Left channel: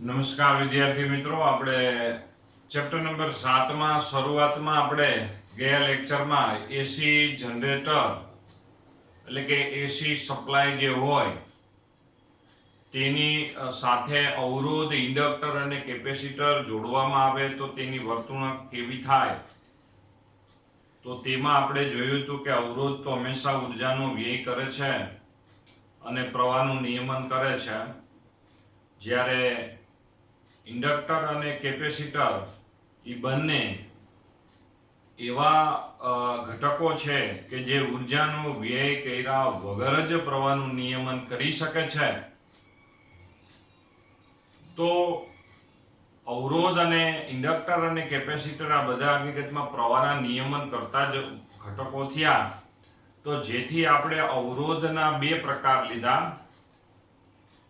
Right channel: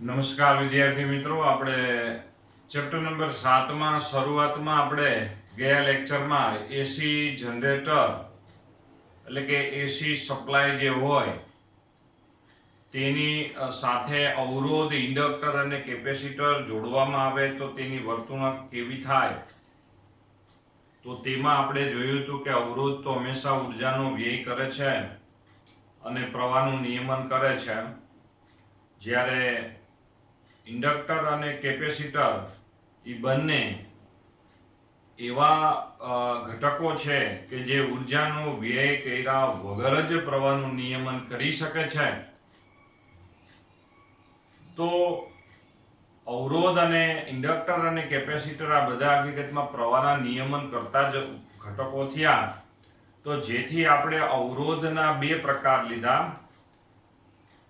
નમસ્કાર વિદ્યાર્થી મિત્રો, આપણે ચેપ્ટર નંબર 7 માં શરૂઆતમાં આપણે ગયા લેક્ચરમાં એસી જનરેટર એટલે કે એસી સપ્લાય જે હોય તેની સાથે અવરોધ, ઇન્ડક્ટર અને કેપેસિટર જોડવામાં આવે તો તેની વર્તણૂક કેવી થાય. તો તેમાં આપણે જોયું હતું કે અવરોધ તો હંમેશા ઉર્જાનો વ્યય કરે છે અને પ્રવાહનું નિયમન કરે છે, જ્યારે ઇન્ડક્ટર અને કેપેસિટર એ બંને એવા ઘટકો છે કે જે ઉર્જાનો વ્યય કર્યા વગર જ પ્રવાહનું નિયમન કરી શકે છે. તો અવરોધ અને ઇન્ડક્ટર અને કેપેસિટર આ બધા હકીકતમાં પ્રવાહના નિયમન કરતા જ ઘટકો થયા. તો જેથી આપણે અવરોધના બે પ્રકાર લીધા.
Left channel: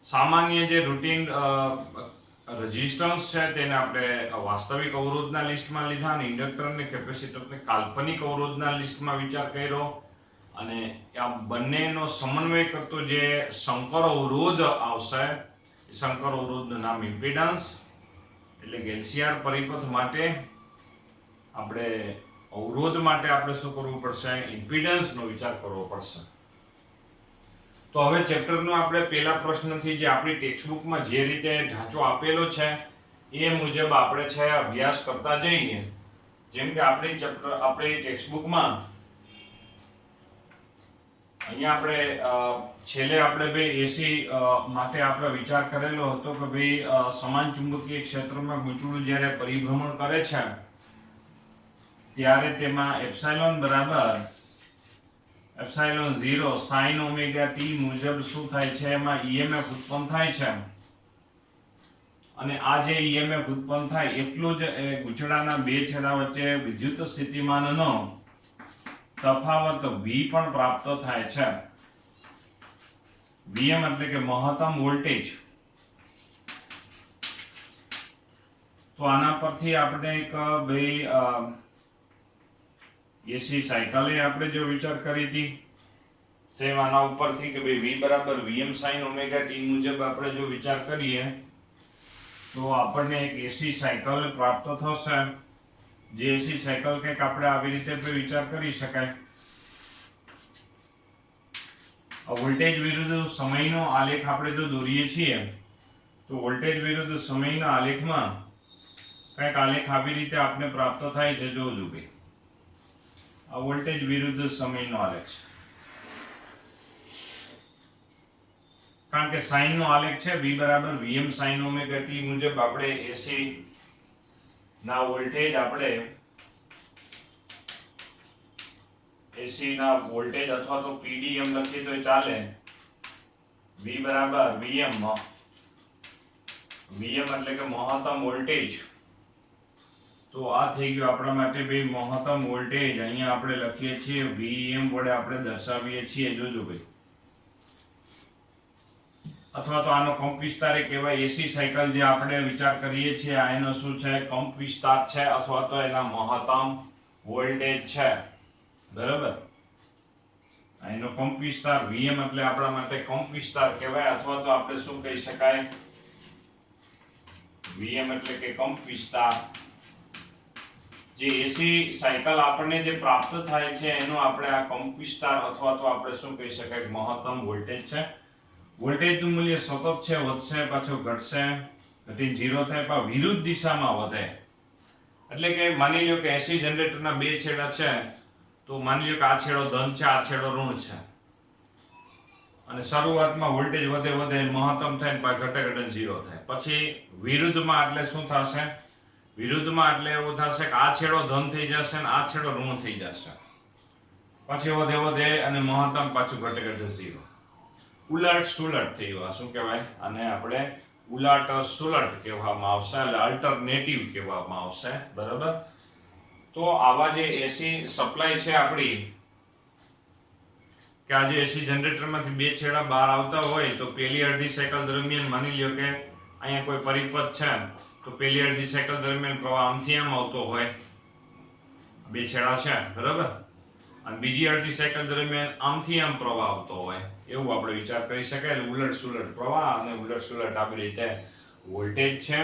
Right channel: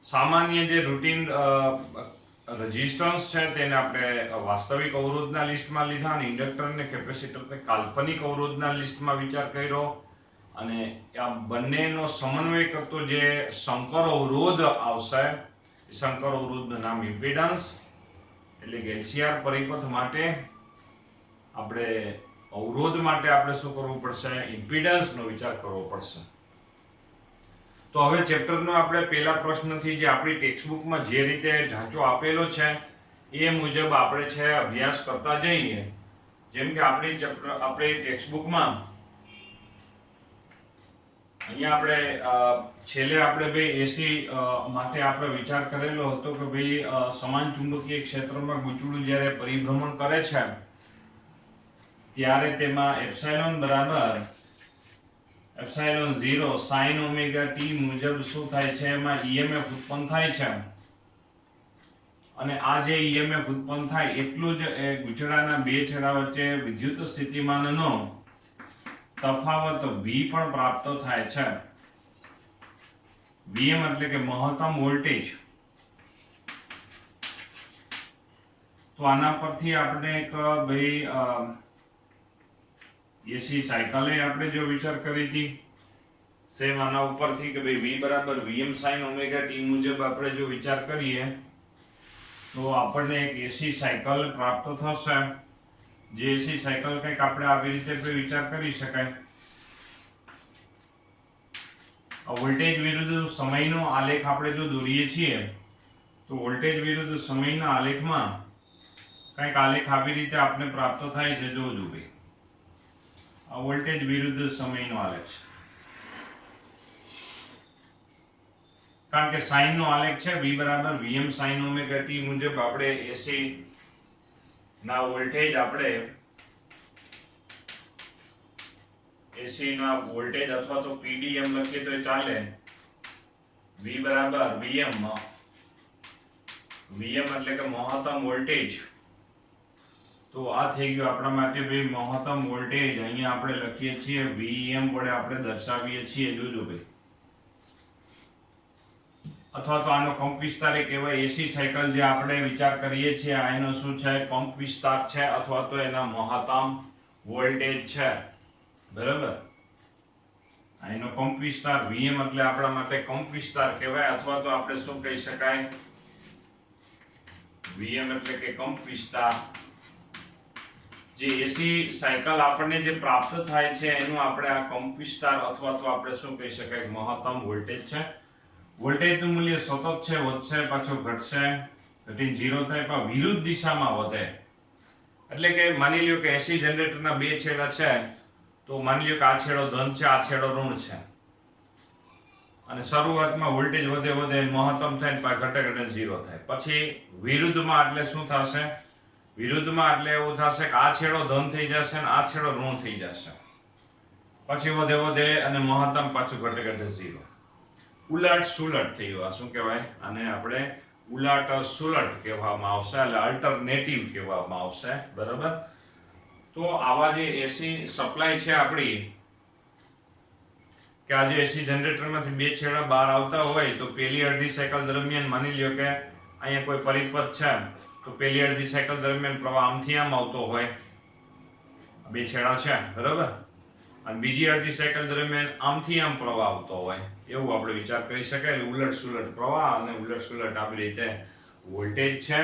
સામાન્ય જે રૂટીન રેઝિસ્ટન્સ છે તેને આપણે વાસ્તવિક અવરોધના લિસ્ટમાં લીધા અને ઇન્ડક્ટર અને કેપેસિટરને કાલ્પનિક અવરોધના લિસ્ટમાં વિચાર કર્યો. અને આ બંનેનો સમન્વય કરતો જે સંકર અવરોધ આવશે, એ સંકર અવરોધનું નામ ઇમ્પિડન્સ. એટલે કે એલસીઆર પરિપથ માટે આપણે અવરોધ માટે આપણે શું કરવું પડશે? ઇમ્પિડન્સનો વિચાર કરવો પડશે. તો હવે ચેપ્ટરનો આપણે પહેલા પ્રશ્નથી જે આપણી ટેક્સ્ટબુકમાં જે રીતે ઢાંચો આપેલો છે એ મુજબ આપણે છે અભ્યાસ કરતા જઈએ. જેમ કે આપણી ટેક્સ્ટબુકમાં અહીંયા આપણે છેલ્લે આપણે ભાઈ એસી માટે આપણે વિચાર કરેલો હતો કે ભાઈ સમાન ચુંબકીય ક્ષેત્રમાં ગૂંચળું જ્યારે પરિભ્રમણ કરે છે ત્યારે તેમાં એપ્સાઇલોન બરાબર એપ્સાઇલોન 0 sin ઓમેગા ટી મુજબ શું થાય છે? એમાં ઈએમએફ ઉત્પન્ન થાય છે. અને આ જે ઈએમએફ ઉત્પન્ન થાય એટલું જ ગૂંચળાના બે છેડા વચ્ચે વિદ્યુત સ્થિતિમાનનો તફાવત V પણ પ્રાપ્ત થાય છે. Vm એટલે કે મહત્તમ વોલ્ટેજ. તો આના પરથી આપણે એક ભાઈ એસી સાયકલે આપણે જો વિચાર કરી હતી સેમ આના ઉપરથી કે ભાઈ V બરાબર Vm sin ઓમેગા ટી મુજબ આપણે જો વિચાર કરીએ તો આપણને એક એસી સાયકલ પ્રાપ્ત થશે. જે એસી સાયકલ કંઈક આપણે આવી રીતે વિચાર કરી શકાય. વોલ્ટેજ વિરુદ્ધ સમયનો આલેખ આપણે જો દોરીએ છીએ તો વોલ્ટેજ વિરુદ્ધ સમયના આલેખમાં કંઈક આલેખ આવી રીતે આપણે પ્રાપ્ત થાય છે. જોજો ભાઈ, આ વોલ્ટેજ વિરુદ્ધ સમયનો આલેખ છે. કારણ કે સાઇન નો આલેખ છે V બરાબર Vm sin ઓમેગા ટી મુજબ આપણે એસી ના વોલ્ટેજ અથવા તો પીડીએમ લખીએ તો ચાલે. V બરાબર Vm એટલે કે મહત્તમ વોલ્ટેજ. તો આ થઈ ગયું આપણા માટે ભાઈ મહત્તમ વોલ્ટેજ. અહીંયા આપણે લખીએ છીએ Vm વડે આપણે દર્શાવીએ છીએ. જોજો ભાઈ, અથવા તો આનો કંપ વિસ્તાર કહેવાય. એસી સાયકલ જે આપણે વિચાર કરીએ છીએ આ એનો શું છે? કંપ વિસ્તાર છે અથવા તો એના મહત્તમ વોલ્ટેજ છે. બરાબર, એનો કંપ વિસ્તાર Vm એટલે આપણા માટે કંપ વિસ્તાર કહેવાય. અથવા તો આપણે શું કહી શકાય? Vm એટલે કે કંપ વિસ્તાર. જે એસી સાયકલ આપણને જે પ્રાપ્ત થાય છે એનો આપણે આ કંપ વિસ્તાર અથવા તો આપણે શું કહી શકાય? મહત્તમ વોલ્ટેજ છે. વોલ્ટેજનું મૂલ્ય સતત છે, વધશે પાછો ઘટશે, ઘટીને 0 થાય પણ વિરુદ્ધ દિશામાં વધે. એટલે કે માની લ્યો કે એસી જનરેટરના બે છેડા છે, તો માની લ્યો કે આ છેડો ધન છે, આ છેડો ઋણ છે. અને શરૂઆતમાં વોલ્ટેજ વધે મહત્તમ થાય ને પાછું ઘટે 0 થાય. પછી વિરુદ્ધમાં એટલે શું થશે? વિરુદ્ધમાં એટલે એવું થશે કે આ છેડો ધન થઈ જશે અને આ છેડો ઋણ થઈ જશે. પછી વધે અને મહત્તમ પાછું ઘટે 0. ઉલટ સુલટ થયું. આ શું કહેવાય? આને આપણે ઉલટ સુલટ કહેવામાં આવશે, એટલે અલ્ટરનેટિવ કહેવામાં આવશે. બરાબર. તો આવા જે એસી સપ્લાય છે આપણી, કે આ જે એસી જનરેટરમાંથી બે છેડા બહાર આવતા હોય તો પહેલી અડધી સાયકલ દરમિયાન માની લ્યો કે અહીંયા કોઈ પરિપથ છે, તો પહેલી અડધી સાયકલ દરમિયાન પ્રવાહ આમથી આમ આવતો હોય, બે છેડા છે. બરાબર. અને બીજી અડધી સાયકલ દરમિયાન આમથી આમ પ્રવાહ આવતો હોય, એવું આપણે વિચાર કરી શકાય. ઉલટ સુલટ પ્રવાહ અને ઉલટ સુલટ આવી રીતે વોલ્ટેજ છે,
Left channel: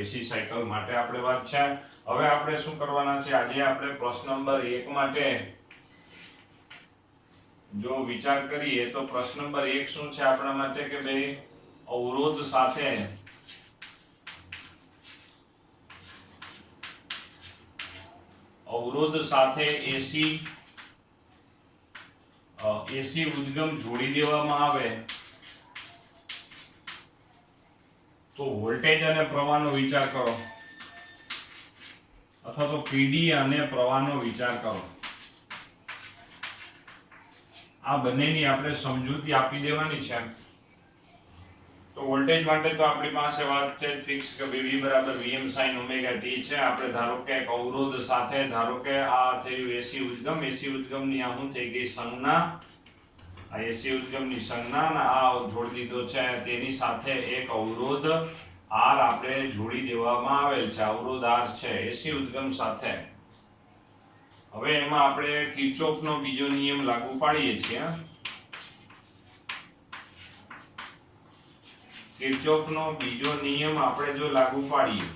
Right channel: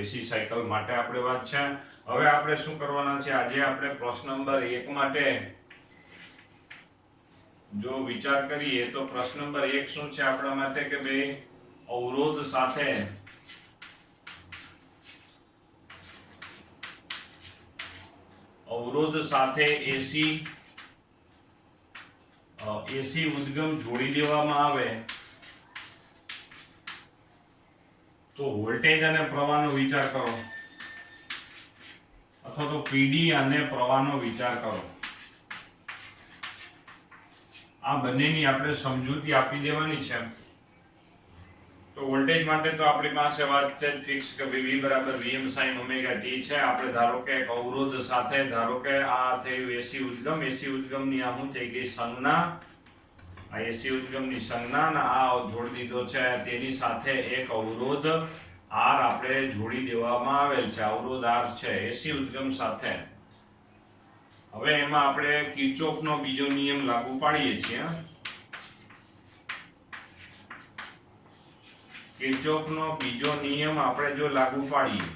એસી સાયકલ માટે આપણે વાત છે. હવે આપણે શું કરવાના છે, આજે આપણે પ્રશ્ન નંબર 1 માટે જો વિચાર કરીએ તો પ્રશ્ન નંબર 1 શું છે આપણા માટે કે ભાઈ અવરોધ સાથે એસી ઉદ્ગમ જોડી દેવામાં આવે તો વોલ્ટેજ અને પ્રવાહનો વિચાર કરો, અથવા તો પીડી અને પ્રવાહનો વિચાર કરો. આ બંનેની આપણે સમજૂતી આપી દેવાની છે. તો વોલ્ટેજ માટે તો આપણી પાસે વાત છે ફિક્સ કે V બરાબર Vm sin ઓમેગા t છે. આપણે ધારો કે એક અવરોધ સાથે ધારો કે આ થયું એસી ઉદ્ગમની આ શું થઈ ગઈ સંજ્ઞા, આ એસી ઉદ્ગમની સંજ્ઞા અને આ જોડી દીધો છે તેની સાથે એક અવરોધ R આપણે જોડી દેવામાં આવેલ છે. અવરોધ R છે એસી ઉદ્ગમ સાથે. હવે એમાં આપણે કિર્ચોફનો બીજો નિયમ લાગુ પાડીએ છીએ. કિર્ચોફનો બીજો નિયમ આપણે જો લાગુ પાડીએ,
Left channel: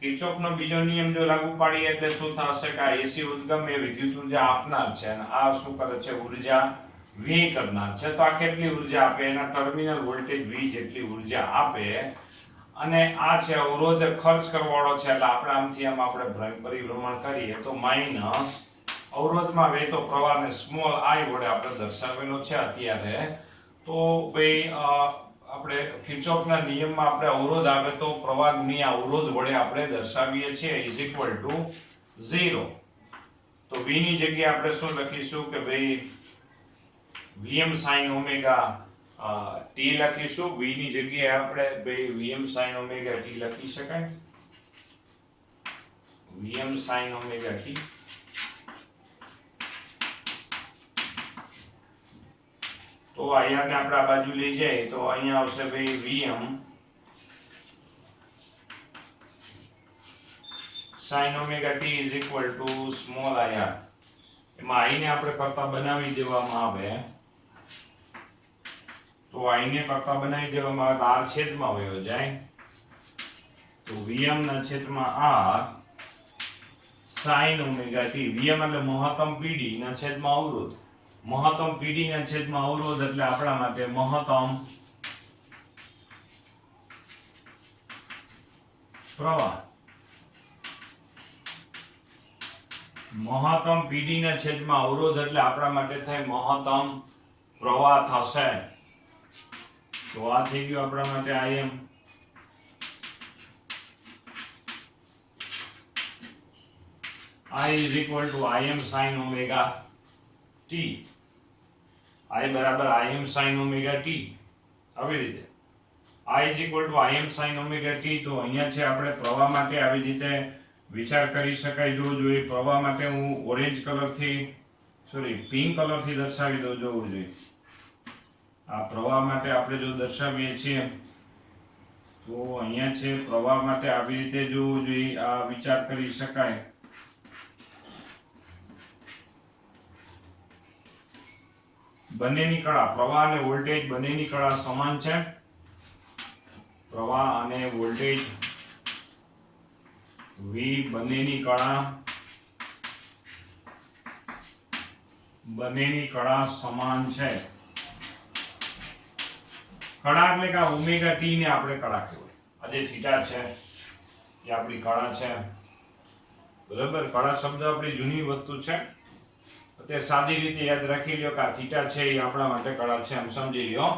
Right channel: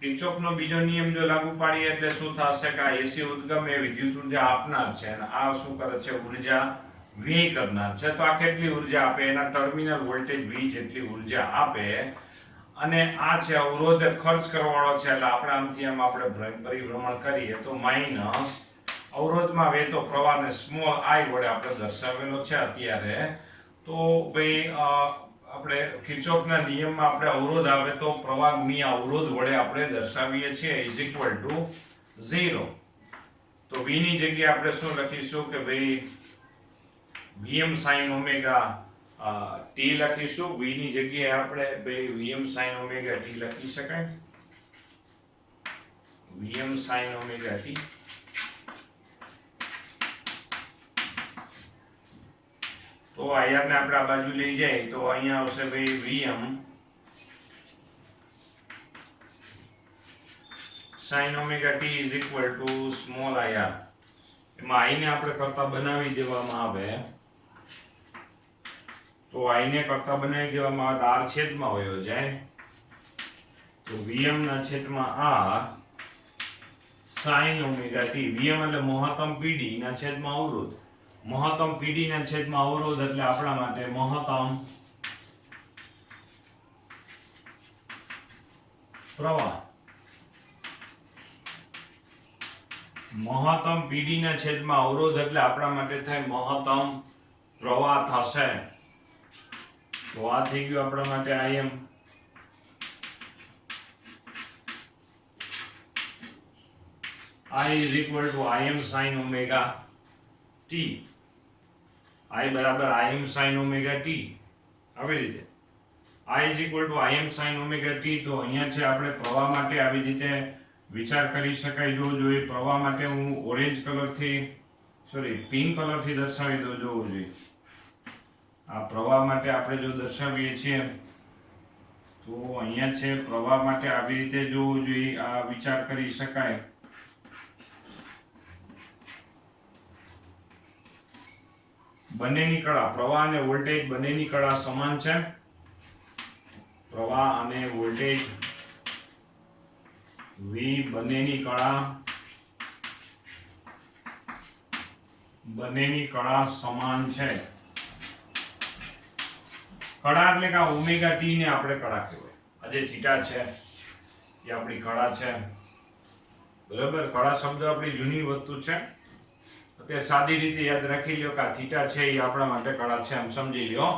કિર્ચોફનો બીજો નિયમ જો લાગુ પાડીએ એટલે શું થશે કે આ એસી ઉદ્ગમ એ વિદ્યુત ઉર્જા આપનાર છે અને આ શું કરે છે, ઉર્જા વ્યય કરનાર છે. તો આ કેટલી ઉર્જા આપે, એના ટર્મિનલ વોલ્ટેજ V જેટલી ઉર્જા આપે. અને આ છે અવરોધ ખર્ચ કરવાવાળો છે એટલે આપણે આમથી આમ આપણે પરિભ્રમણ કરીએ તો માઈનસ અવરોધમાં વહેતો પ્રવાહને સ્મોલ I વડે આપણે દર્શાવેલો છે અત્યારે. તો ભાઈ આપણે કિર્ચોફના નિયમમાં આપણે અવરોધ આવે તો પ્રવાહ ગુણ્યા અવરોધ વડે આપણે દર્શાવીએ છીએ ઇઝ ઇક્વલ ટુ 0. તો V ની જગ્યાએ આપણે શું લખીશું કે ભાઈ Vm sin ઓમેગા t લખીશું. V ની જગ્યાએ આપણે ભાઈ Vm sin ઓમેગા t લખી શકાય. Vm sin omega t. તો અહીંયા ને આપણે આ બાજુ લઈ જાય તો અહીંયા આવશે ભાઈ Vm sin omega t is equal to small ir. એમાં I ને આપણે કરતા બનાવી દેવામાં આવે તો I ને કરતા બનાવી દેવામાં આવે R છેદમાં વયો જાય તો Vm ના છેદમાં R sin omega t. Vm એટલે મહત્તમ PD ના છેદમાં અવરોધ. મહત્તમ PD ના છેદમાં અવરોધ એટલે આપણા માટે મહત્તમ પ્રવાહ. મહત્તમ PD ના છેદમાં અવરોધ એટલે આપણા માટે થાય મહત્તમ પ્રવાહ થશે. તો આ થઈ ગયું આપણા માટે Im. I is equal to Im sin omega t. I બરાબર Im sin omega t. આવી રીતે I is equal to Im sin omega t. તો અહીંયા છે આપણે પ્રવાહ માટે આવી રીતે વિચાર કરી શકાય. જો એ પ્રવાહ માટે હું ઓરેન્જ કલરથી પિંક કલરથી દર્શાવી દઉં. જોવું જોઈએ આ પ્રવાહ માટે આપણે જો દર્શાવીએ છીએ તો અહીંયા છે પ્રવાહ માટે આવી રીતે જોવું જોઈએ. આ વિચાર કરી શકાય. બંનેની કળા પ્રવાહ અને વોલ્ટેજ બંનેની કળા સમાન છે. પ્રવાહ અને વોલ્ટેજ V બંનેની કળા સમાન છે. કળા એટલે કે ઓમેગા ટી ને આપણે કળા કહેવાય. આ જે થીટા છે એ આપણી કળા છે. બરાબર, કળા શબ્દ આપણી જૂની વસ્તુ છે. અત્યારે સાદી રીતે યાદ રાખી લ્યો કે આ થીટા છે એ આપણા માટે કળા છે એમ સમજી લ્યો.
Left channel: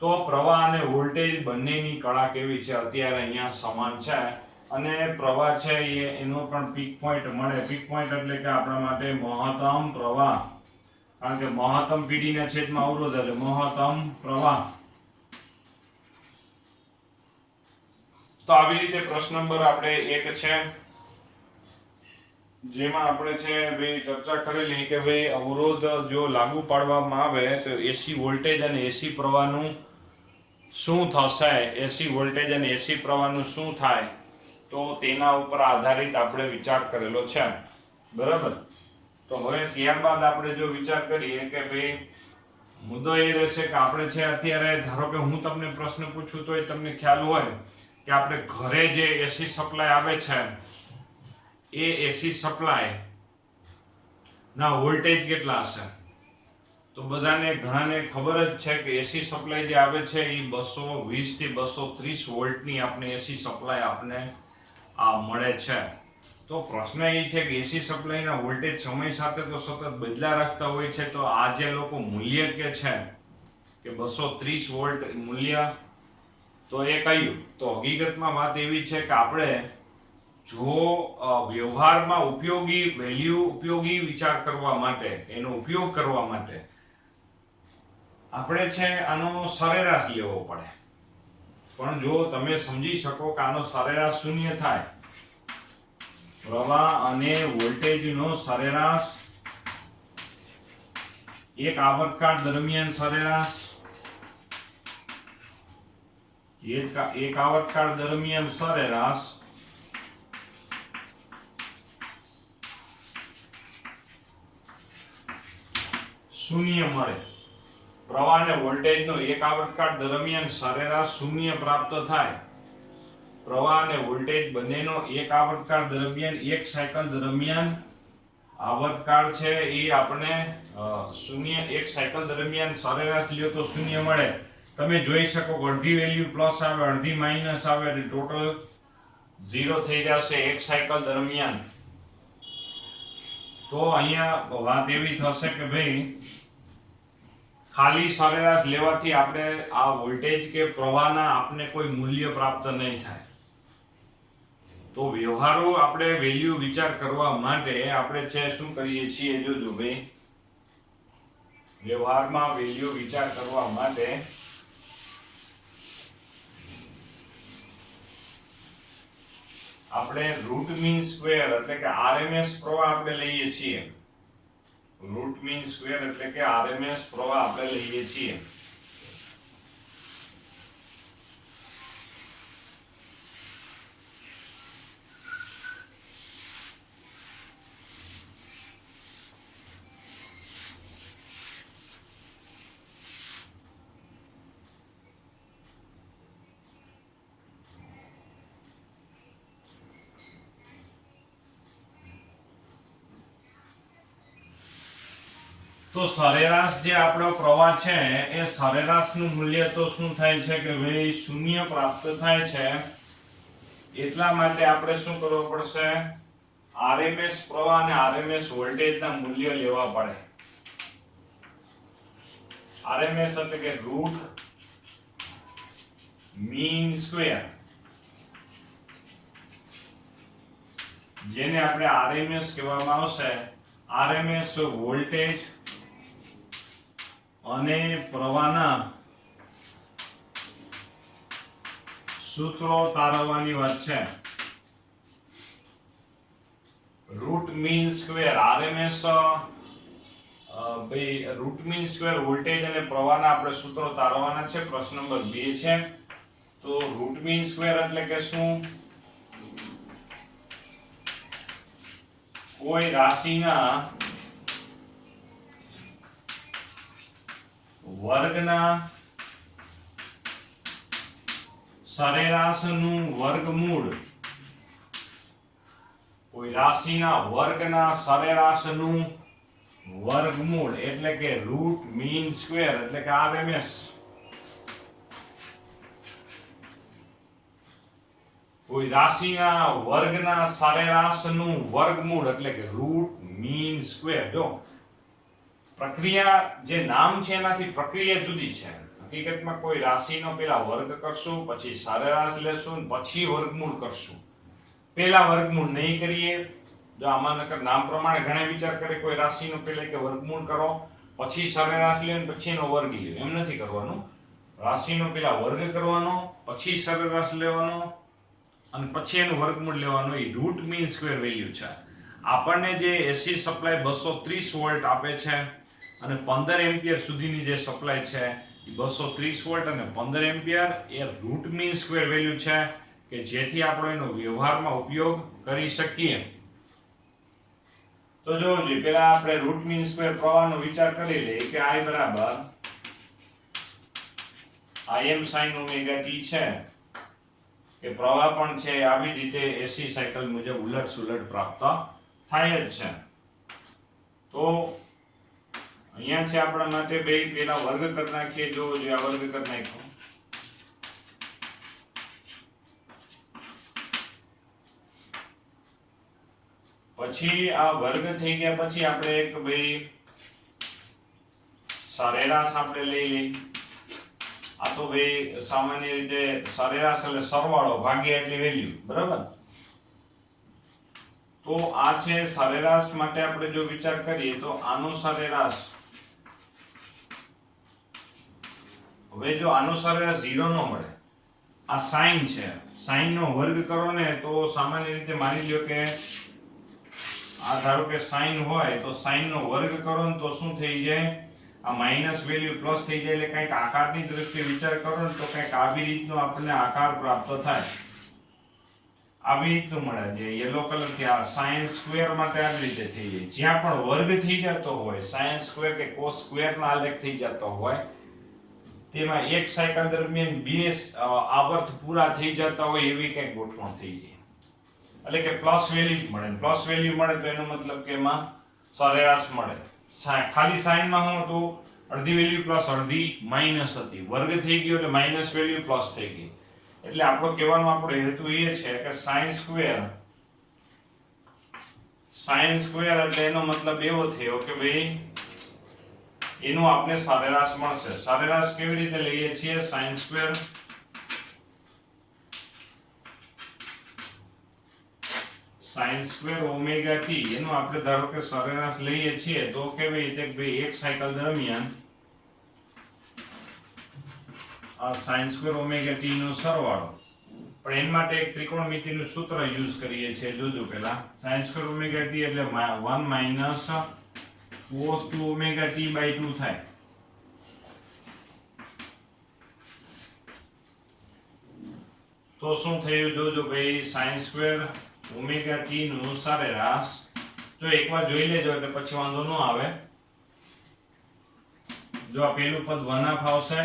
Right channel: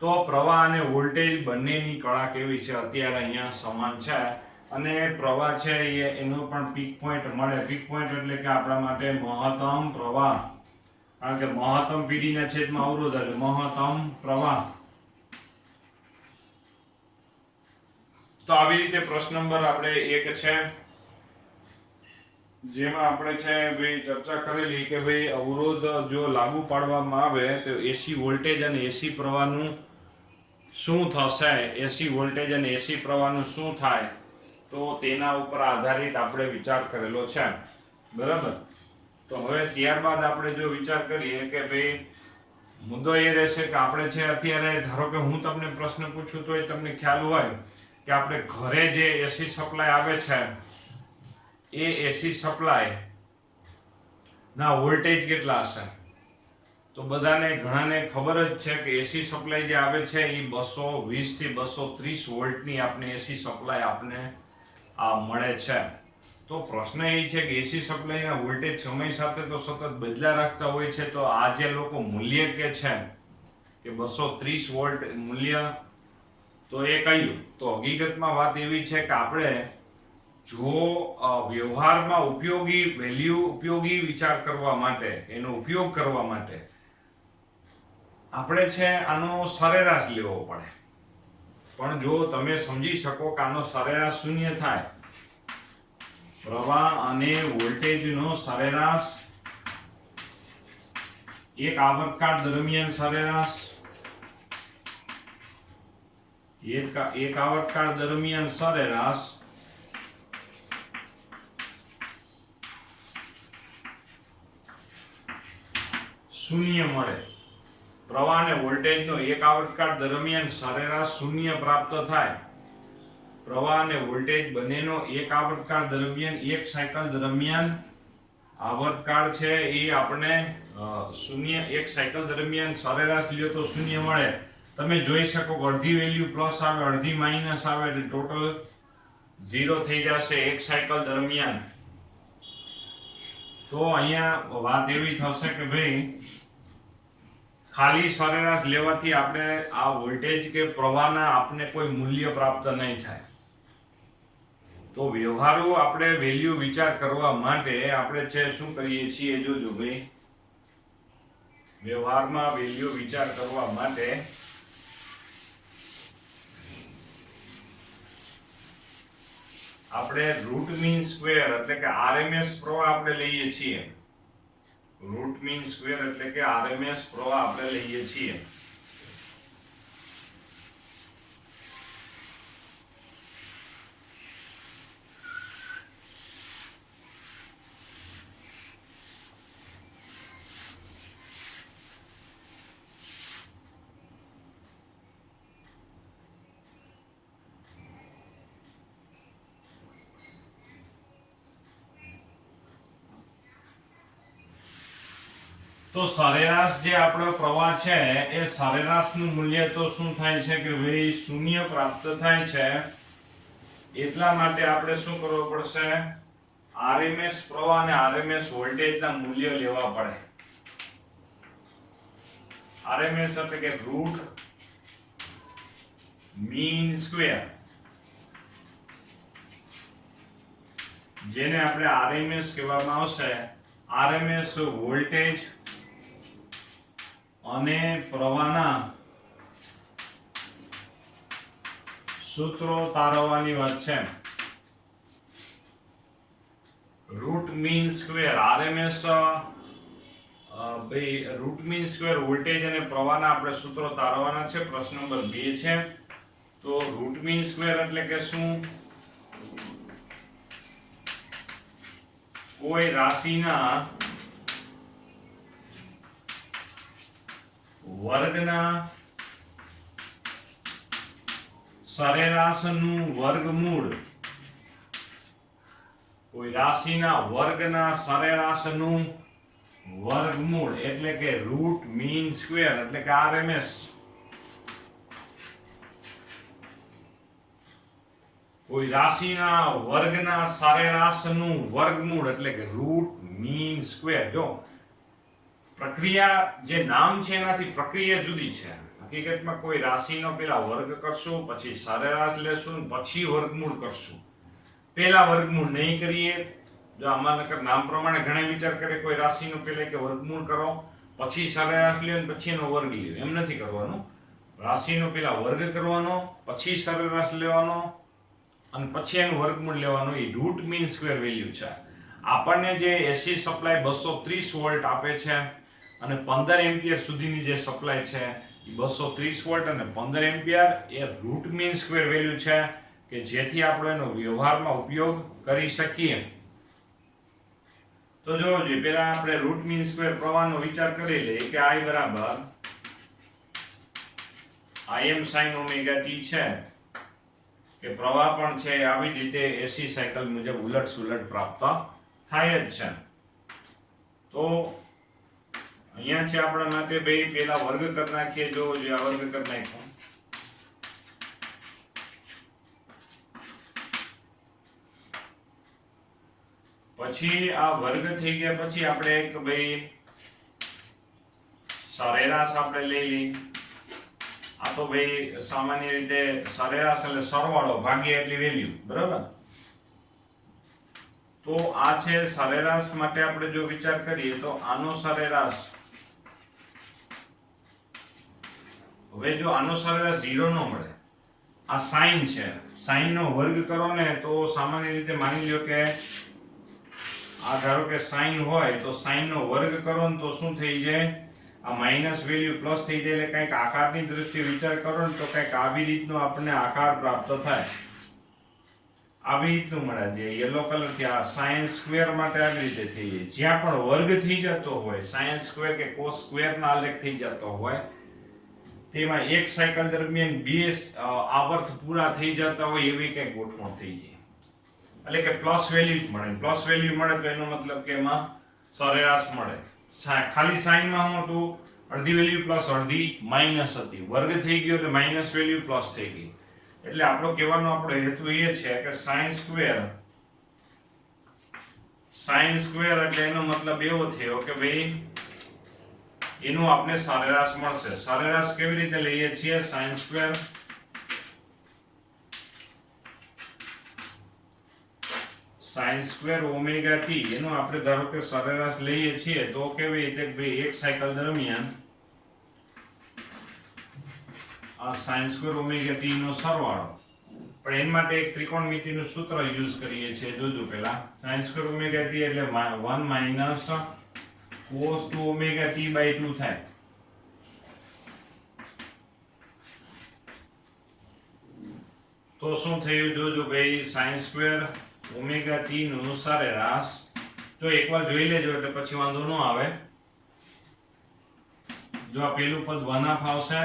તો પ્રવાહ અને વોલ્ટેજ બંનેની કળા કેવી છે અત્યારે અહીંયા સમાન છે. અને પ્રવાહ છે એનો પણ પીક પોઈન્ટ મળે. પીક પોઈન્ટ એટલે કે આપણા માટે મહત્તમ પ્રવાહ. કારણ કે મહત્તમ PD ના છેદમાં અવરોધ એટલે મહત્તમ પ્રવાહ. તો આવી રીતે પ્રશ્ન નંબર આપણે 1 છે જેમાં આપણે છે ભાઈ ચર્ચા કરેલી કે ભાઈ અવરોધ જો લાગુ પાડવામાં આવે તો એસી વોલ્ટેજ અને એસી પ્રવાહનું શું થશે, એસી વોલ્ટેજ અને એસી પ્રવાહનું શું થાય, તો તેના ઉપર આધારિત આપણે વિચાર કરેલો છે. બરાબર. તો હવે ત્યારબાદ આપણે જો વિચાર કરીએ કે ભાઈ મુદ્દો એ રહેશે કે આપણે છે અત્યારે ધારો કે હું તમને પ્રશ્ન પૂછું તો એ તમને ખ્યાલ હોય કે આપણે ઘરે જે એસી સપ્લાય આવે છે એ એસી સપ્લાય ના વોલ્ટેજ કેટલા હશે? તો બધાને ઘણાને ખબર જ છે કે એસી સપ્લાય જે આવે છે એ 220 થી 230 વોલ્ટની આપણે એસી સપ્લાય આપને મળે છે. તો પ્રશ્ન એ છે કે એસી સપ્લાયના વોલ્ટેજ સમય સાથે તો સતત બદલા રાખતા હોય છે, તો આ જે લોકો મૂલ્ય કે છે કે 230 વોલ્ટ મૂલ્ય, તો એ કયું? તો હકીકતમાં વાત એવી છે કે આપણે જો વ્યવહારમાં ઉપયોગી વિચાર કરવા માટે, એનો ઉપયોગ કરવા માટે આપણે છે આનો સરેરાશ લેવો પડે. પણ જો તમે સમજી શકો કે આનો સરેરાશ શૂન્ય થાય, પ્રવાહ અને વોલ્ટેજનો સરેરાશ એક આવર્તકાળ દરમિયાન સરેરાશ એક આવર્તકાળ દરમિયાન સરેરાશ શૂન્ય મળે. પ્રવાહ અને વોલ્ટેજનો એક આવર્તકાળ દરમિયાન સરેરાશ શૂન્ય પ્રાપ્ત થાય. પ્રવાહ અને વોલ્ટેજ બંનેનો એક આવર્તકાળ દરમિયાન, એક સાયકલ દરમિયાન આવર્તકાળ છે એ આપણે શૂન્ય, એક સાયકલ દરમિયાન સરેરાશ લ્યો તો શૂન્ય મળે. તમે જોઈ શકો કે અડધી વેલ્યુ પ્લસ આવે, અડધી માઇનસ આવે, એટલે ટોટલ 0 થઈ જશે એક સાયકલ દરમિયાન. તો અહીંયા વાત એવી થશે કે ભાઈ ખાલી સરેરાશ લેવાથી આપણે આ વોલ્ટેજ કે પ્રવાહના આપને કોઈ મૂલ્ય પ્રાપ્ત નહીં થાય. તો વ્યવહારુ આપણે વેલ્યુ વિચાર કરવા માટે આપણે છે શું કરીએ છીએ, જોજો ભાઈ, વ્યવહારમાં વેલ્યુ વિચાર કરવા માટે આપણે રૂટ મીન સ્ક્વેર એટલે કે આરએમએસ પ્રવાહ આપણે લઈએ છીએ. રૂટ મીન સ્ક્વેર એટલે કે આરએમએસ પ્રવાહ આપણે લઈએ છીએ. તો સરેરાશ જે આપણો પ્રવાહ છે એ સરેરાશનું મૂલ્ય તો શું થાય છે કે ભાઈ શૂન્ય પ્રાપ્ત થાય છે. એટલા માટે આપણે શું કરવું પડશે, આરએમએસ પ્રવાહ અને આરએમએસ વોલ્ટેજના મૂલ્ય લેવા પડે. આરએમએસ એટલે કે રૂટ મીન સ્ક્વેર, જેને આપણે આરએમએસ કહેવામાં આવશે. આરએમએસ વોલ્ટેજ અને પ્રવાહના સૂત્રો તારવવાની વાત છે. રૂટ મીન સ્ક્વેર આરએમએસ, ભાઈ રૂટ મીન સ્ક્વેર વોલ્ટેજ અને પ્રવાહના આપણે સૂત્રો તારવવાના છે. પ્રશ્ન નંબર 2 છે. તો રૂટ મીન સ્ક્વેર એટલે કે શું? કોઈ રાશિના વર્ગના સરેરાશનું વર્ગમૂળ. કોઈ રાશિના વર્ગના સરેરાશનું વર્ગમૂળ એટલે કે રૂટ મીન સ્ક્વેર એટલે કે આરએમએસ. કોઈ રાશિના વર્ગના સરેરાશનું વર્ગમૂળ એટલે કે રૂટ મીન સ્ક્વેર. જો પ્રક્રિયા જે નામ છે એનાથી પ્રક્રિયા જુદી છે. હકીકતમાં કોઈ રાશિનો પેલા વર્ગ કરશું, પછી સરેરાશ લેશું, પછી વર્ગમૂળ કરશું. પેલા વર્ગમૂળ નહીં કરીએ. જો આમાં નકર નામ પ્રમાણે ઘણા વિચાર કરે કોઈ રાશિનો પેલા કે વર્ગમૂળ કરો, પછી સરેરાશ લ્યો ને પછી એનો વર્ગ લ્યો. એમ નથી કરવાનું. રાશિનો પેલા વર્ગ કરવાનો, પછી સરેરાશ લેવાનો અને પછી એનું વર્ગમૂળ લેવાનું. એ રૂટ મીન સ્ક્વેર વેલ્યુ છે. આપણને જે એસી સપ્લાય 230 વોલ્ટ આપે છે અને 15 એમ્પિયર સુધીની જે સપ્લાય છે એ 230 વોલ્ટ અને 15 એમ્પિયર એ રૂટ મીન સ્ક્વેર વેલ્યુ છે કે જેથી આપણે એનો વ્યવહારમાં ઉપયોગ કરી શકીએ. તો જોજો પહેલા આપણે રૂટ મીન સ્ક્વેર પ્રવાહનો વિચાર કરી લઈએ કે I બરાબર Im sin ઓમેગા t છે કે પ્રવાહ પણ છે આવી જ રીતે એસી સાયકલ મુજબ ઉલટ સુલટ પ્રાપ્ત થાય જ છે. તો અહીંયા છે આપણા માટે બે પેલા વર્ગ કરી નાખીએ. જો જે આ વર્ગ કરી નાખ્યો, પછી આ વર્ગ થઈ ગયા પછી આપણે એક ભાઈ સરેરાશ આપણે લઈ લઈ. આ તો ભાઈ સામાન્ય રીતે સરેરાશ એટલે સરવાળો ભાગ્યા એટલી વેલ્યુ, બરાબર. તો આ છે સરેરાશ માટે આપણે જો વિચાર કરીએ તો આનો સરેરાશ, હવે જો આનો સરેરાશ 0 નો મળે, આ સાઈન છે, સાઈન નો વર્ગ કરો ને તો સામાન્ય રીતે માની લ્યો કે આ ધારો કે સાઈન હોય તો સાઈન નો વર્ગ કરો ને તો શું થઈ જાય, આ માઈનસ વેલ્યુ પ્લસ થઈ જાય. એટલે કંઈક આકારની દ્રષ્ટિએ વિચાર કરો ને તો કંઈક આવી રીતનો આપણને આકાર પ્રાપ્ત થાય, આવી રીતનું મળે છે. યલો કલર થી આ સાઇન સ્ક્વેર માટે આવી રીતે થઈ જાય. જ્યાં પણ વર્ગ થઈ જતો હોય, સાઇન સ્ક્વેર કે કોસ સ્ક્વેર નો આલેખ થઈ જતો હોય, તેમાં એક સાયકલ દરમિયાન બે આવર્ત પૂરા થઈ જતા હોય એવી કંઈક ગોઠવણ થઈ જાય. એટલે કે પ્લસ વેલ્યુ મળે. પ્લસ વેલ્યુ મળે તો એનો મતલબ કે એમાં સરેરાશ મળે. ખાલી સાઈનમાં શું હતું, અડધી વેલ્યુ પ્લસ અડધી માઇનસ હતી. વર્ગ થઈ ગયો એટલે માઇનસ વેલ્યુ પ્લસ થઈ ગઈ. એટલે આપણો કહેવાનો આપણો હેતુ એ છે કે સાઇન સ્ક્વેર એટલે એનો મતલબ એવો થયો કે ભાઈ એનું આપણે સરેરાશ મળશે. સરેરાશ કેવી રીતે લઈએ છીએ, સાઇન સ્ક્વેર ઓમેગા t એનું આપણે ધારો કે સરેરાશ લઈએ છીએ તો કેવી રીતે ભાઈ એક સાયકલ દરમિયાન આ sin સ્ક્વેર ઓમેગા t નો સરવાળો. પણ એના માટે એક ત્રિકોણમિતિનું સૂત્ર યુઝ કરીએ છીએ. જોજો પહેલા sin સ્ક્વેર ઓમેગા t એટલે 1 minus cos 2 omega t by 2 થાય. તો શું થયું જોજો ભાઈ, sin સ્ક્વેર ઓમેગા t નું સરેરાશ જો એકવાર જોઈ લેજો એટલે પછી વાંધો ન આવે. જો આ પેલું પદ 1/2 આવશે,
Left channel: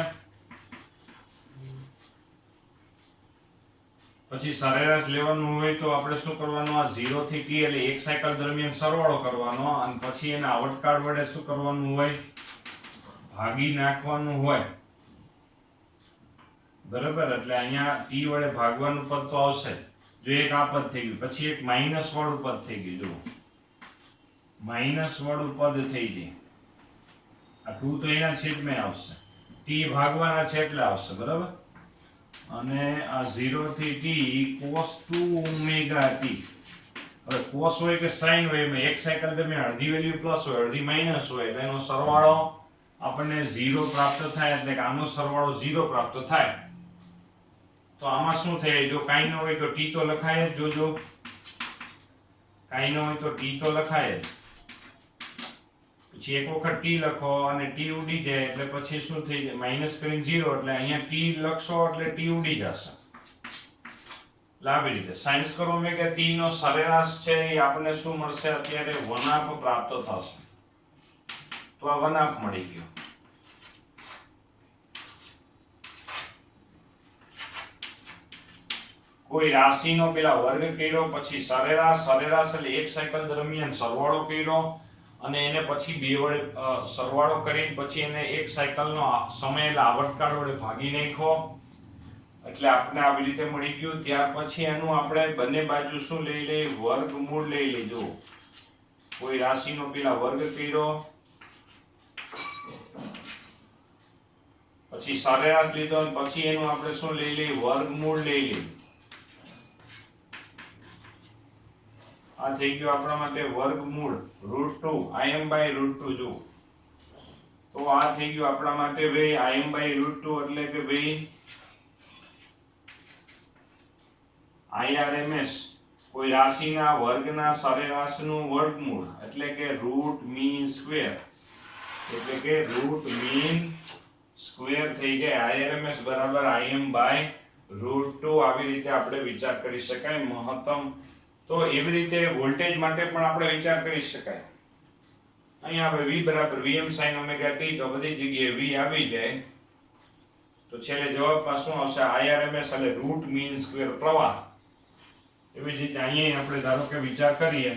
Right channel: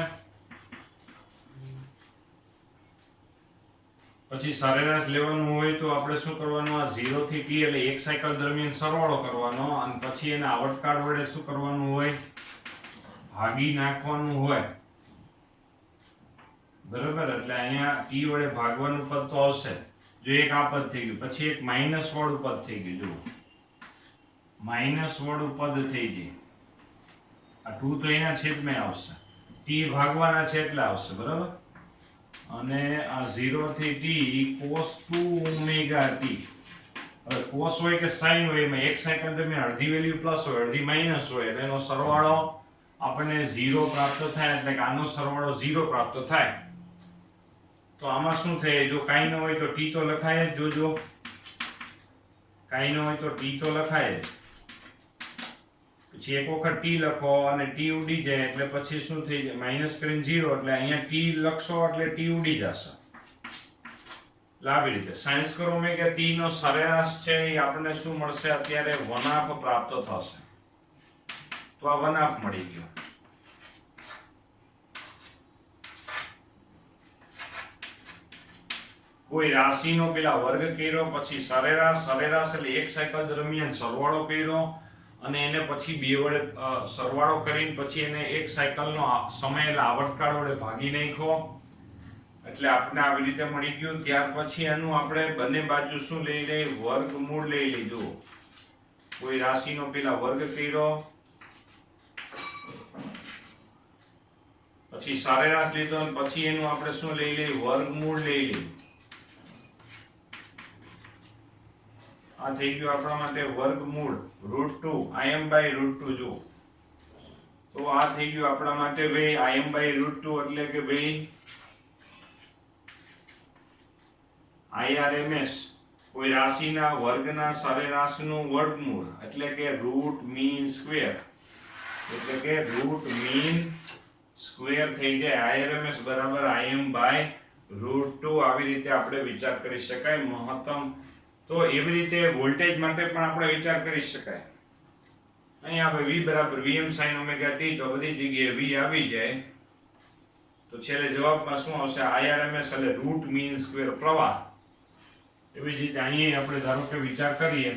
પછી સરેરાશ લેવાનું હોય તો આપણે શું કરવાનું, આ 0 થી t એટલે એક સાયકલ દરમિયાન સરવાળો કરવાનો અને પછી એના આવર્તકાળ વડે શું કરવાનું હોય, ભાગી નાખવાનું હોય, બરાબર. એટલે અહીંયા t વડે ભાગવાનું પદ તો આવશે. જો એક આ પદ થઈ ગયું, પછી એક માઇનસ વાળું પદ થઈ ગયું. જો માઇનસ વાળું પદ થઈ ગયું, આ 2 તો એના છેદમાં આવશે, t ભાગવાના છે એટલે આવશે, બરાબર. અને આ 0 થી t cos 2 ઓમેગા t. હવે cos હોય કે sin હોય, એમાં એક સાયકલ દરમિયાન અડધી વેલ્યુ પ્લસ હોય, અડધી માઇનસ હોય, એટલે એનો સરવાળો આપણને 0 પ્રાપ્ત થાય. એટલે કે આનો સરવાળો 0 પ્રાપ્ત થાય. તો આમાં શું થાય, જો કાંઈ ન હોય તો t તો લખાય જ. જોજો કાંઈ ન હોય તો t તો લખાય જ. પછી એક વખત t લખો અને t ઉડી જાય એટલે પછી શું થઈ જાય, માઇનસ કરીને 0 એટલે અહીંયા t લખશો એટલે t ઉડી જશે. આવી રીતે sin સ્ક્વેર ઓમેગા t નો સરેરાશ છે એ આપણને શું મળશે, અત્યારે 1/2 પ્રાપ્ત થશે. તો આ 1/2 મળી ગયો. કોઈ રાશિનો પેલા વર્ગ કર્યો, પછી સરેરાશ એટલે એક સાયકલ દરમિયાન સરવાળો કર્યો અને એને પછી બે વડે સરવાળો કરીને પછી એને એક સાયકલનો સમય એટલે આવર્તકાળ વડે ભાગી નાખ્યો. એટલે આપણે આવી રીતે મળી ગયું. ત્યાર પછી એનું આપણે બંને બાજુ શું લઈ લઈએ, વર્ગમૂળ લઈ લીધું. કોઈ રાશિનો પેલા વર્ગ કર્યો, પછી સરેરાશ લીધો અને પછી એનું આપણે શું લઈ લઈએ, વર્ગમૂળ લઈ લઈએ. આ થઈ ગયું આપણા માટે વર્ગમૂળ √2 Im by √2. જો તો આ થઈ ગયું આપણા માટે ભાઈ Im by √2 એટલે કે ભાઈ IRMS કોઈ રાશિના વર્ગના સરેરાશનું વર્ગમૂળ એટલે કે રૂટ મીન સ્ક્વેર, એટલે કે રૂટ મીન સ્ક્વેર થઈ જાય. IRMS બરાબર Im by √2. આવી રીતે આપણે વિચાર કરી શકાય. મહત્તમ તો એવી રીતે વોલ્ટેજ માટે પણ આપણે વિચાર કરી શકાય. અહીંયા આપણે V બરાબર Vm sin ઓમેગા t, તો બધી જગ્યાએ V આવી જાય તો છેલ્લે જવાબમાં શું આવશે? IRMS એટલે રૂટ મીન સ્ક્વેર પ્રવાહ. એવી જ રીતે અહીંયા આપણે ધારો કે વિચાર કરીએ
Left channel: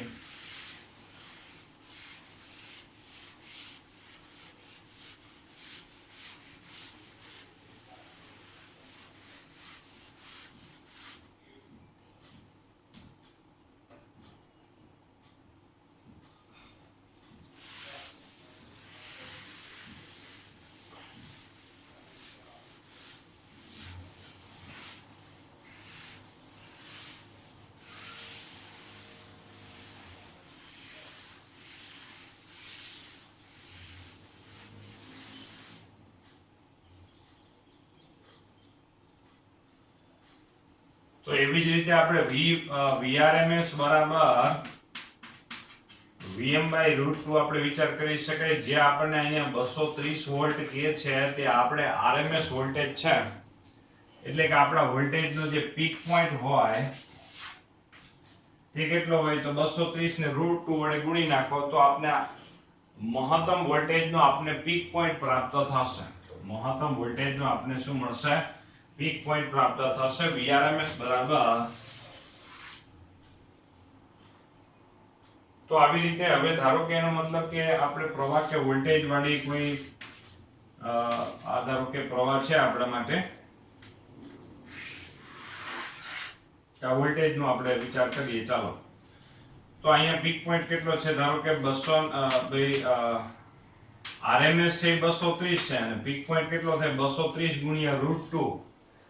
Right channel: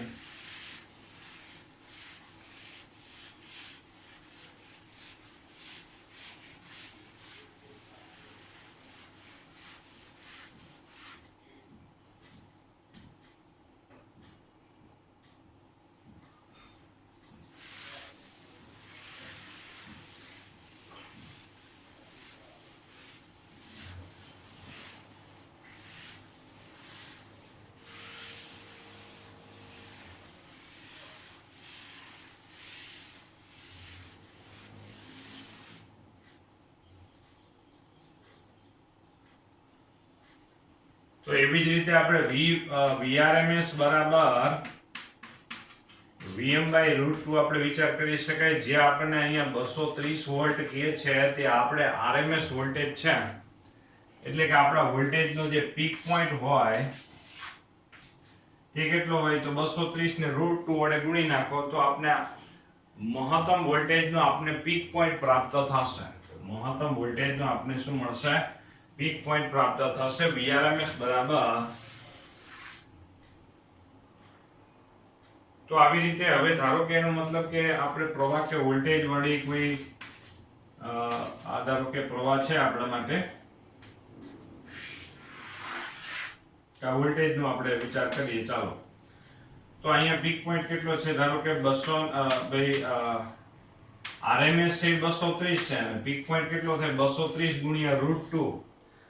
તો એવી જ રીતે આપણે VRMS બરાબર Vm/√2 આપણે વિચાર કરી શકાય. જે આપણને અહીંયા 230 વોલ્ટ કહે છે તે આપણે RMS વોલ્ટેજ છે, એટલે કે આપણા વોલ્ટેજનો જે પીક પોઈન્ટ હોય તે કેટલો હોય? તો 230 ને √2 વડે ગુણી નાખો તો આપણે મહત્તમ વોલ્ટેજનો આપણે પીક પોઈન્ટ પ્રાપ્ત થશે. મહત્તમ વોલ્ટેજનો આપણે શું મળશે? પીક પોઈન્ટ પ્રાપ્ત થશે. VRMS બરાબર. તો આવી રીતે હવે ધારો કે એનો મતલબ કે આપણે પ્રવાહ કે વોલ્ટેજ વાળી કોઈ ધારો કે પ્રવાહ છે આપણા માટે, આ વોલ્ટેજ નો આપણે વિચાર કરીએ. ચાલો, તો અહીંયા પીક પોઈન્ટ કેટલો છે? ધારો કે 200 RMS છે 230 છે અને પીક પોઈન્ટ કેટલો થાય? 230 ગુણ્યા √2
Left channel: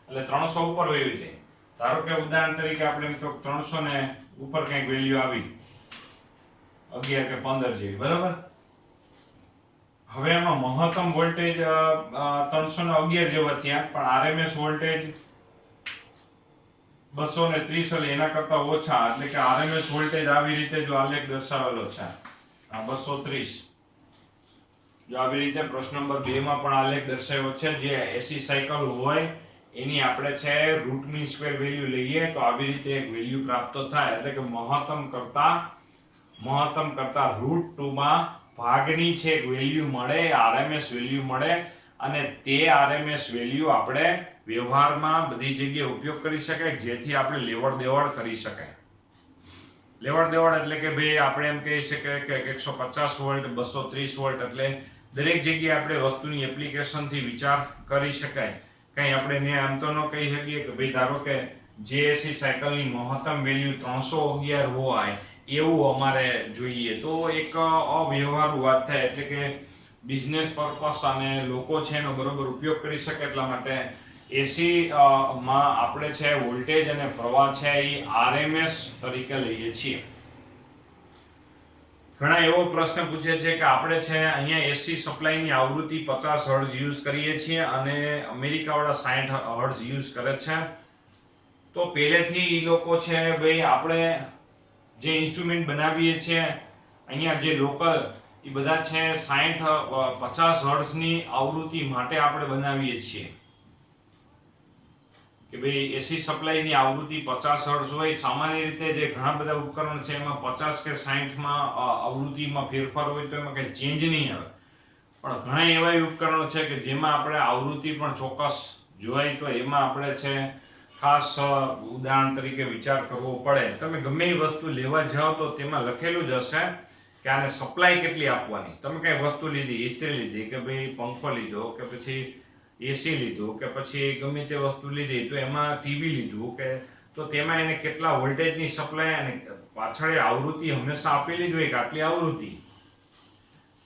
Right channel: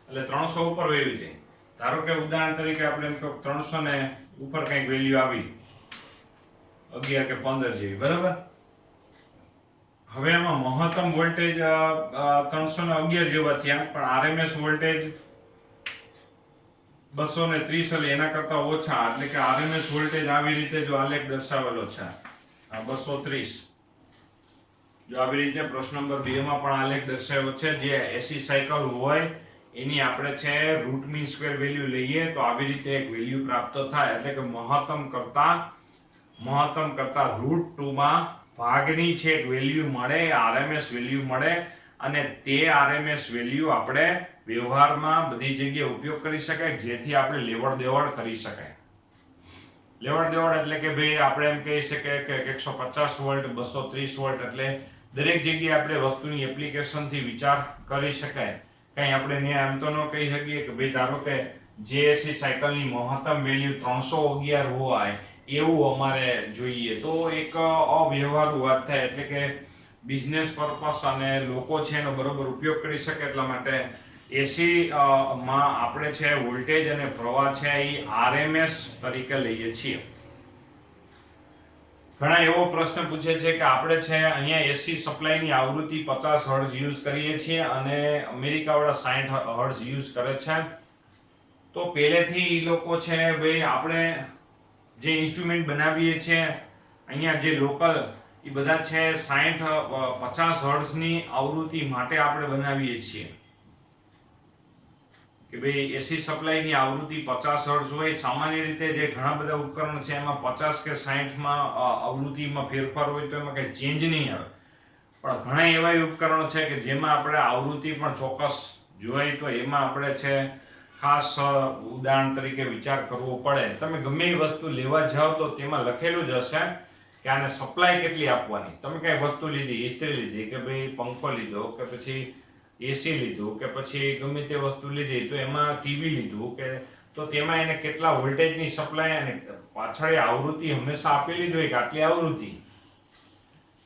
એટલે 300 ઉપર વહી જાય. ધારો કે ઉદાહરણ તરીકે આપણે એમ કહો 300 ને ઉપર કંઈક વેલ્યુ આવી 11 કે 15 જેવી, બરાબર. હવે આમાં મહત્તમ વોલ્ટેજ 311 જેવા થયા, પણ RMS વોલ્ટેજ 230 એટલે એના કરતા ઓછા, એટલે કે RMS વોલ્ટેજ આવી રીતે જો આલેખ દર્શાવેલો છે, આ 230 જો આવી રીતે પ્રશ્ન નંબર 2 માં પણ આલેખ દર્શાવ્યો છે. જે AC સાયકલ હોય એની આપણે છે રૂટ મીન સ્ક્વેર વેલ્યુ લઈએ તો આવી રીતે એક વેલ્યુ પ્રાપ્ત થાય, એટલે કે મહત્તમ કરતા √2 માં ભાગની છે એક વેલ્યુ મળે, RMS વેલ્યુ મળે, અને તે RMS વેલ્યુ આપણે વ્યવહારમાં બધી જગ્યાએ ઉપયોગ કરી શકાય, જેથી આપણે લેવડ દેવડ કરી શકાય. લેવડ દેવડ એટલે કે ભાઈ આપણે એમ કહી શકીએ કે 150 વોલ્ટ 230 વોલ્ટ એટલે દરેક જગ્યાએ આપણે વસ્તુની એપ્લિકેશનથી વિચાર કરી શકાય. કંઈ આપણે આમ તો ન કહી શકીએ કે ભાઈ ધારો કે JAC સાયકલની મહત્તમ વેલ્યુ 311 હોય એવું અમારે જોઈએ, તો એક અવ્યવહારુ વાત થાય. એટલે કે બિઝનેસ પર્પસ અને લોકો છે એનો બરોબર ઉપયોગ કરી શકે, એટલા માટે AC માં આપણે છે વોલ્ટેજ અને પ્રવાહ છે એ RMS તરીકે લઈએ છીએ. ઘણા એવો પ્રશ્ન પૂછે છે કે આપણે છે અહીંયા AC સપ્લાયની આવૃત્તિ 50 હર્ટ્ઝ યુઝ કરીએ છીએ અને અમેરિકાવાળા 60 હર્ટ્ઝ યુઝ કરે છે. તો પહેલેથી એ લોકો છે ભાઈ આપણે જે ઇન્સ્ટ્રુમેન્ટ બનાવીએ છીએ અહીંયા જે લોકલ એ બધા છે 50 હર્ટ્ઝની આવૃત્તિ માટે આપણે બનાવીએ છીએ કે ભાઈ AC સપ્લાયની આવૃત્તિ 50 હર્ટ્ઝ હોય. સામાન્ય રીતે જે ઘણા બધા ઉપકરણ છે એમાં 50 કે 60 માં આવૃત્તિમાં ફેરફાર હોય તો એમાં કંઈ ચેન્જ નહીં આવે, પણ ઘણા એવા ઉપકરણો છે કે જેમાં આપણે આવૃત્તિ પણ ચોક્કસ જોઈએ, તો એમાં આપણે છે ખાસ ઉદાહરણ તરીકે વિચાર કરવો પડે. તમે ગમે એ વસ્તુ લેવા જાઓ તો તેમાં લખેલું જ હશે કે આને સપ્લાય કેટલી આપવાની. તમે કઈ વસ્તુ લીધી, ઇસ્ત્રી લીધી કે ભાઈ પંખો લીધો કે પછી AC લીધું કે પછી ગમે તે વસ્તુ લીધી, તો એમાં TV લીધું કે તો તેમાં એને કેટલા વોલ્ટેજની સપ્લાય અને પાછળ આવૃત્તિ હંમેશા આપેલી જ હોય કે આટલી આવૃત્તિ,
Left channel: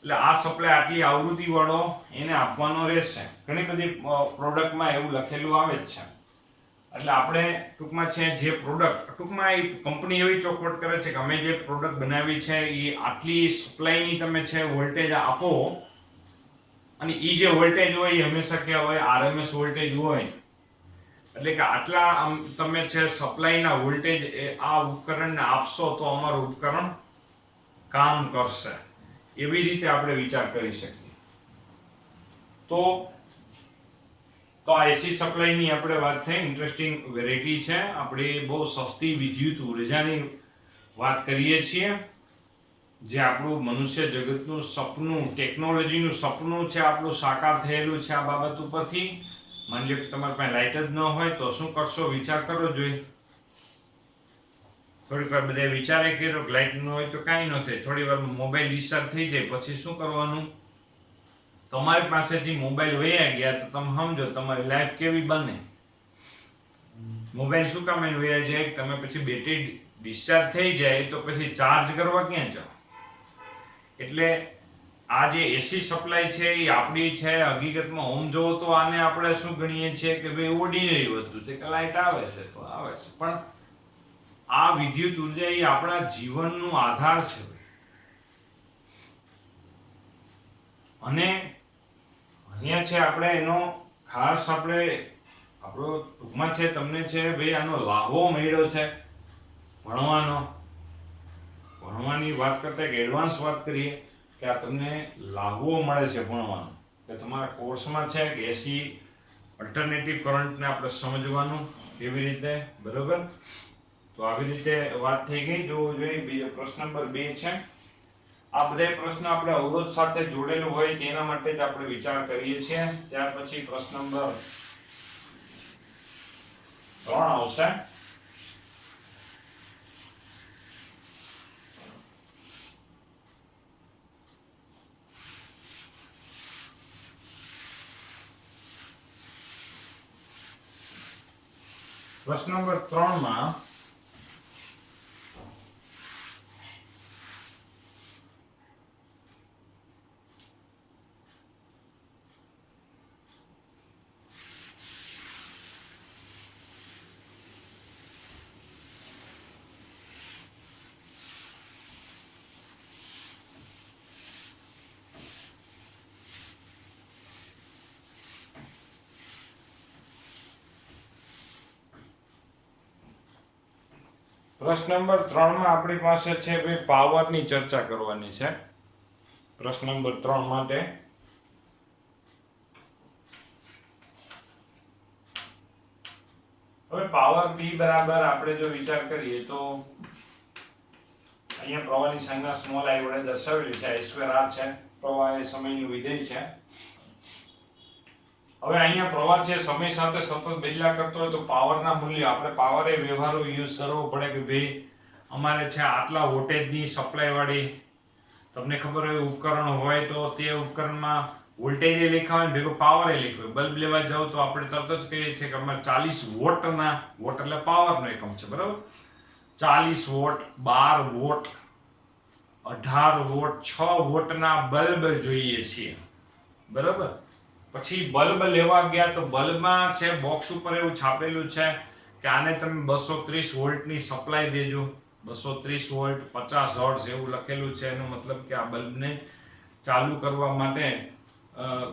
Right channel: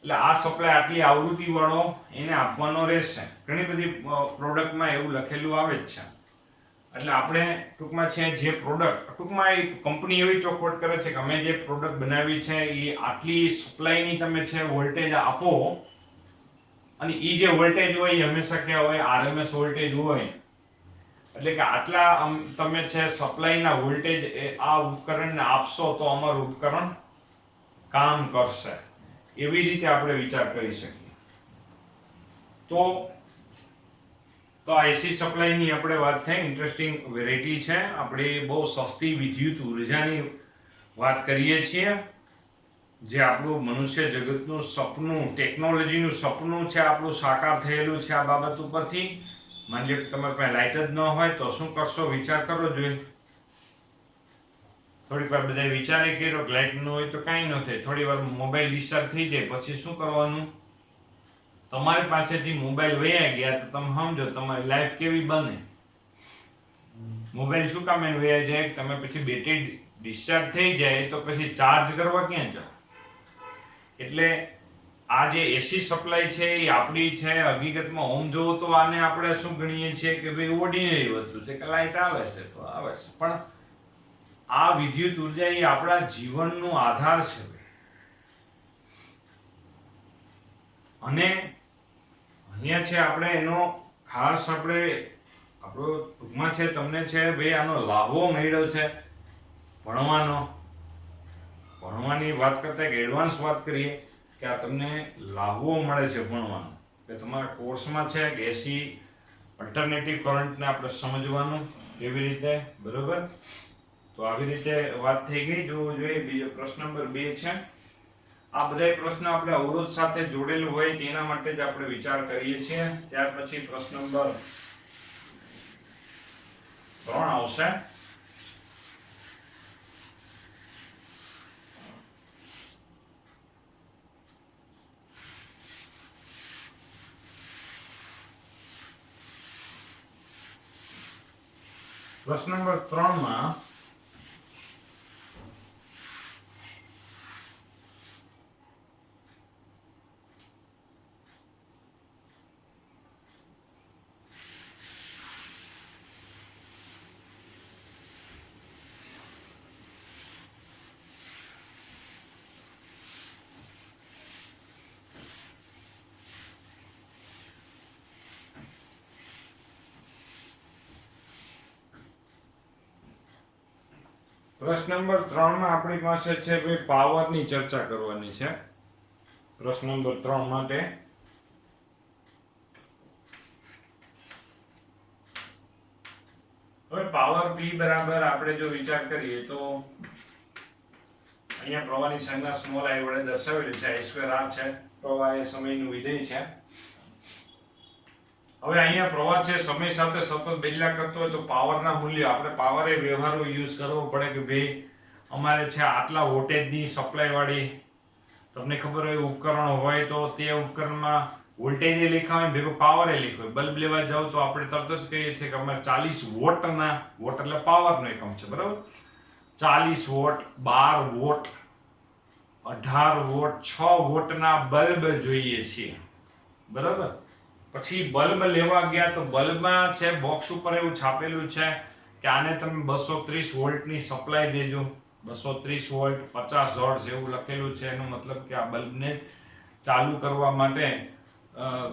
એટલે આ સપ્લાય આટલી આવૃત્તિ વાળો એને આપવાનો રહેશે. ઘણી બધી પ્રોડક્ટમાં એવું લખેલું આવે જ છે. એટલે આપણે ટૂંકમાં છે જે પ્રોડક્ટ ટૂંકમાં એ કંપની એવી ચોખવટ કરે છે કે અમે જે પ્રોડક્ટ બનાવી છે એ આટલી સપ્લાયની તમે છે વોલ્ટેજ આપો, અને એ જે વોલ્ટેજ હોય એ હંમેશા ક્યાં હોય? RMS વોલ્ટેજ હોય. એટલે કે આટલા તમે છે સપ્લાયના વોલ્ટેજ આ ઉપકરણને આપશો તો અમારું ઉપકરણ કામ કરશે. એવી રીતે આપણે વિચાર કરી શકીએ. તો આ AC સપ્લાયની આપણે વાત થઈ, ઇન્ટરેસ્ટિંગ વેરાયટી છે. આપણે બહુ સસ્તી વિદ્યુત ઉર્જાની વાત કરીએ છીએ, જે આપણું મનુષ્ય જગતનું સપનું, ટેકનોલોજીનું સપનું છે આપણું સાકાર થયેલું છે આ બાબત ઉપરથી. માની લો કે તમારી પાસે લાઇટ જ ન હોય તો શું કરશો? વિચાર કરો જોઈએ. થોડીક વાર બધા વિચારે કર્યો કે લાઇટ ન હોય તો કાંઈ ન થાય. થોડી વાર મોબાઈલ ડિસ્ચાર્જ થઈ જાય પછી શું કરવાનું? તમારી પાસેથી મોબાઈલ વયા ગયા તો તમે સમજો તમારી લાઈફ કેવી બને. મોબાઈલ શું કામ એને વયા જાય? તમે પછી બેટરી ડિસ્ચાર્જ થઈ જાય તો પછી ચાર્જ કરવા ક્યાં જાઓ? એટલે આ જે એસી સપ્લાય છે એ આપણી છે. હકીકતમાં ઓમ જોવો તો આને આપણે શું ગણીએ છીએ કે ભાઈ ઓર્ડિનરી વસ્તુ છે કે લાઇટ આવે છે તો આવે છે, પણ આ વિદ્યુત ઉર્જા એ આપણા જીવનનો આધાર છે. અને અહીંયા છે આપણે એનો ખાસ આપણો ટૂંકમાં છે તમને છે ભાઈ આનો લાભો મળ્યો છે ભણવાની વાત કરતા એક એડવાન્સ વાત કરીએ કે આ તમને લાભો મળે છે ભણવાનો, કે તમારા કોર્સમાં છે કે એસી અલ્ટરનેટિવ કરંટને આપણે સમજવાનું કેવી રીતે, બરોબર? તો આવી રીતે વાત થઈ ગઈ. જોવું જોઈએ. બીજો પ્રશ્ન નંબર 2 છે. આ બધા પ્રશ્ન આપણે અવરોધ સાથે જોડેલું હોય તેના માટે જ આપણે વિચાર કરીએ છીએ. ત્યાર પછી પ્રશ્ન નંબર 3 આવશે. પ્રશ્ન નંબર 3 માં આપણી પાસે છે ભાઈ પાવરની ચર્ચા કરવાની છે. પ્રશ્ન નંબર 3 માટે હવે પાવર P બરાબર આપણે જો વિચાર કરીએ તો અહીંયા પ્રવાહની સંજ્ઞા સ્મોલ I વડે દર્શાવેલી છે. I2R છે. પ્રવાહ એ સમયનું વિધેય છે. હવે અહીંયા પ્રવાહ છે સમય સાથે સતત બદલ્યા કરતો હોય તો પાવરના મૂલ્ય આપણે પાવર એ વ્યવહારુ યુઝ કરવો પડે કે ભાઈ અમારે છે આટલા વોલ્ટેજની સપ્લાય વાળી તમને ખબર હોય ઉપકરણ હોય તો તે ઉપકરણમાં વોલ્ટેજ એ લખ્યા હોય ભેગો પાવર એ લખ્યો હોય. બલ્બ લેવા જાવ તો આપણે તરત જ કહીએ છીએ કે અમારે 40 વોટના, વોટ એટલે પાવરનો એકમ છે, બરાબર? 40 વોટ, 12 વોટ, 18 વોટ, 6 વોટના બલ્બ જોઈએ છીએ, બરાબર? પછી બલ્બ લેવા ગયા તો બલ્બમાં છે બોક્સ ઉપર એવું છાપેલું છે કે આને તમે 230 વોલ્ટની સપ્લાય દેજો. 230 વોલ્ટ 50 હર્ટ્ઝ એવું લખેલું છે. એનો મતલબ કે આ બલ્બને ચાલુ કરવા માટે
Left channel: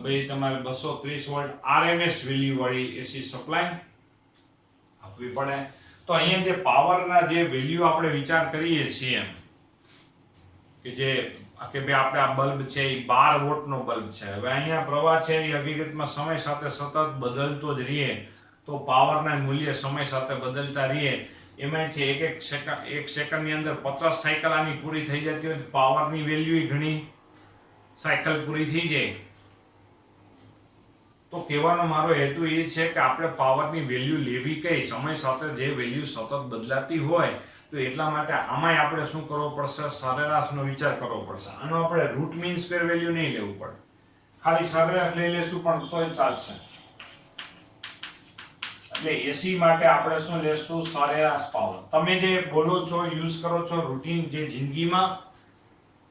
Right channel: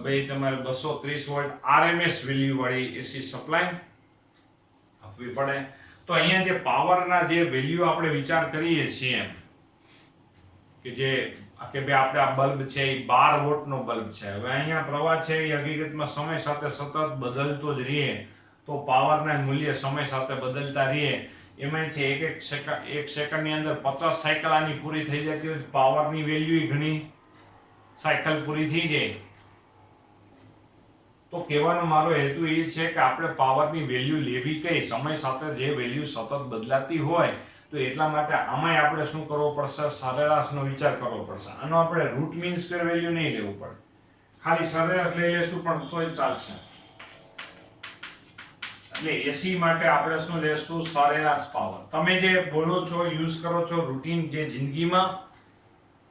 ભાઈ તમારે 230 વોલ્ટ RMS વેલ્યુ વાળી એસી સપ્લાય આપવી પડે. તો અહીંયા જે પાવરના જે વેલ્યુ આપણે વિચાર કરીએ છીએ કે જે કે ભાઈ આપણે આ બલ્બ છે એ 12 વોટનો બલ્બ છે. હવે અહીંયા પ્રવાહ છે એ હકીકતમાં સમય સાથે સતત બદલતો જ રહે તો પાવરના મૂલ્ય સમય સાથે બદલતા રહે. એમાં છે એક સેકન્ડની અંદર 50 સાયકલ આની પૂરી થઈ જતી હોય તો પાવરની વેલ્યુ ઘણી સાયકલ પૂરી થઈ જાય. તો કહેવાનો મારો હેતુ એ છે કે આપણે પાવરની વેલ્યુ લેવી કઈ સમય સાથે જે વેલ્યુ સતત બદલાતી હોય તો એટલા માટે આમાંય આપણે શું કરવો પડશે? સરેરાશનો વિચાર કરવો પડશે. આનો આપણે રૂટ મીન સ્ક્વેર વેલ્યુ નહીં લેવું પડે, ખાલી સરેરાશ લઈ લેશું પણ તોય ચાલશે. એટલે એસી માટે આપણે શું લેશું? સરેરાશ પાવર. તમે જે બોલો છો, યુઝ કરો છો રૂટીન જે જિંદગીમાં